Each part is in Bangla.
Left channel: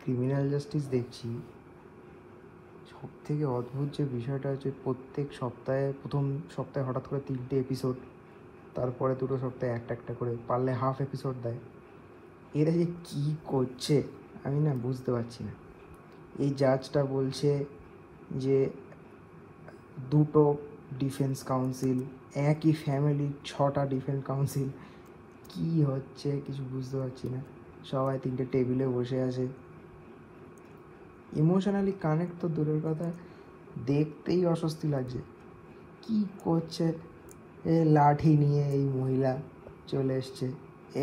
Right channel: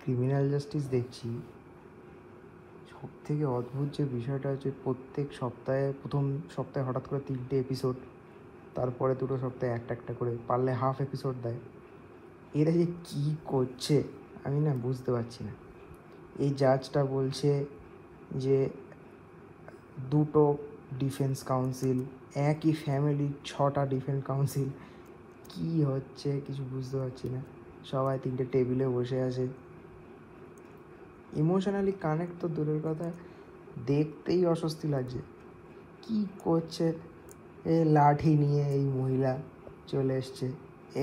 ক্রিমিনাল জাস্টিস দেখছি, সব থেকে অদ্ভুত যে বিষয়টা হচ্ছে প্রত্যেক সপ্তাহে, প্রথম সপ্তাহে হঠাৎ করে 3টে এপিসোড, তারপরে 2টো সপ্তাহে একটা করে, পারলে হাফ এপিসোড দেয়। এরা যে কী করছে আমি না বুঝতে পারছি না। এই জাজটা বলছে যে 2টো ডিফেন্স কাউন্সিল, একই ফ্যামিলির 6টা ডিফেন্স কাউন্সিল, কি হচ্ছে কিছু বুঝতে পারছি না। সবাই 3টে টেবিলে বসে আছে, ইমোশনালি কানেক্ট তো দূরের কথা, দেখতেই অস্বস্তি লাগছে। কি করছে? এ লাঠি নিয়ে এই মহিলা চলে এসছে।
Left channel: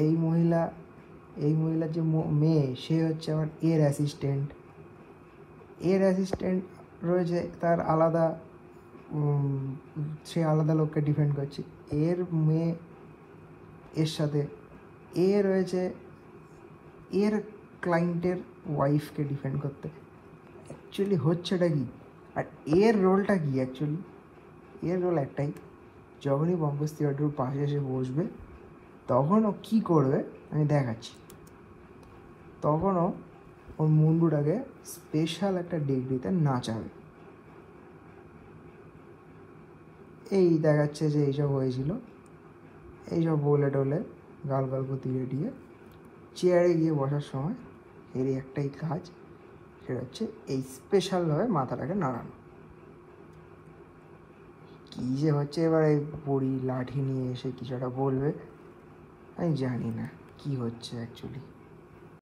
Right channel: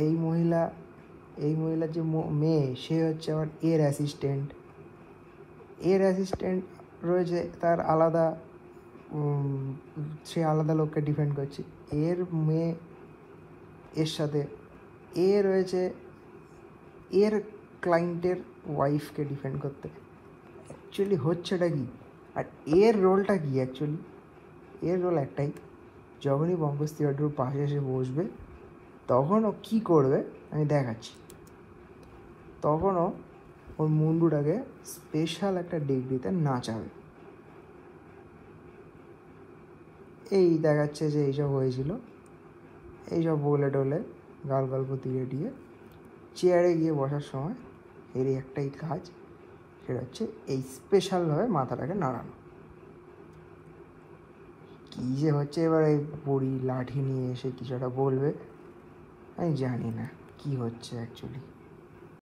এই মহিলার যে মেয়ে, সে হচ্ছে আবার এর অ্যাসিস্ট্যান্ট রয়েছে, তার আলাদা, সে আলাদা লোককে ডিফেন্ড করছে। এর মেয়ে এর সাথে এ রয়েছে এর ক্লায়েন্টের ওয়াইফকে ডিফেন্ড করতে। অ্যাকচুয়ালি হচ্ছেটা কি, আর এর রোলটা কি? অ্যাকচুয়ালি এর রোল একটাই, যখনই পঙ্কজ ত্রিপাঠীর পাশে এসে বসবে তখন ও কী করবে আমি দেখাচ্ছি। তখনও ওর মুন্ডুটাকে স্পেশাল একটা ডিগ্রিতে নাচাবে। এই দেখাচ্ছে যে এইসব হয়েছিল, এইসব বলে টলে গাল গল্প দিয়ে দিয়ে চেয়ারে গিয়ে বসার সময় এরই একটাই কাজ, সেটা হচ্ছে এই স্পেশালভাবে মাথাটাকে নাড়ানো। কী যে হচ্ছে, এবারে বুড়ি লাঠি নিয়ে এসে কিছু একটা বলবে, আমি জানি না কি হচ্ছে অ্যাকচুয়ালি।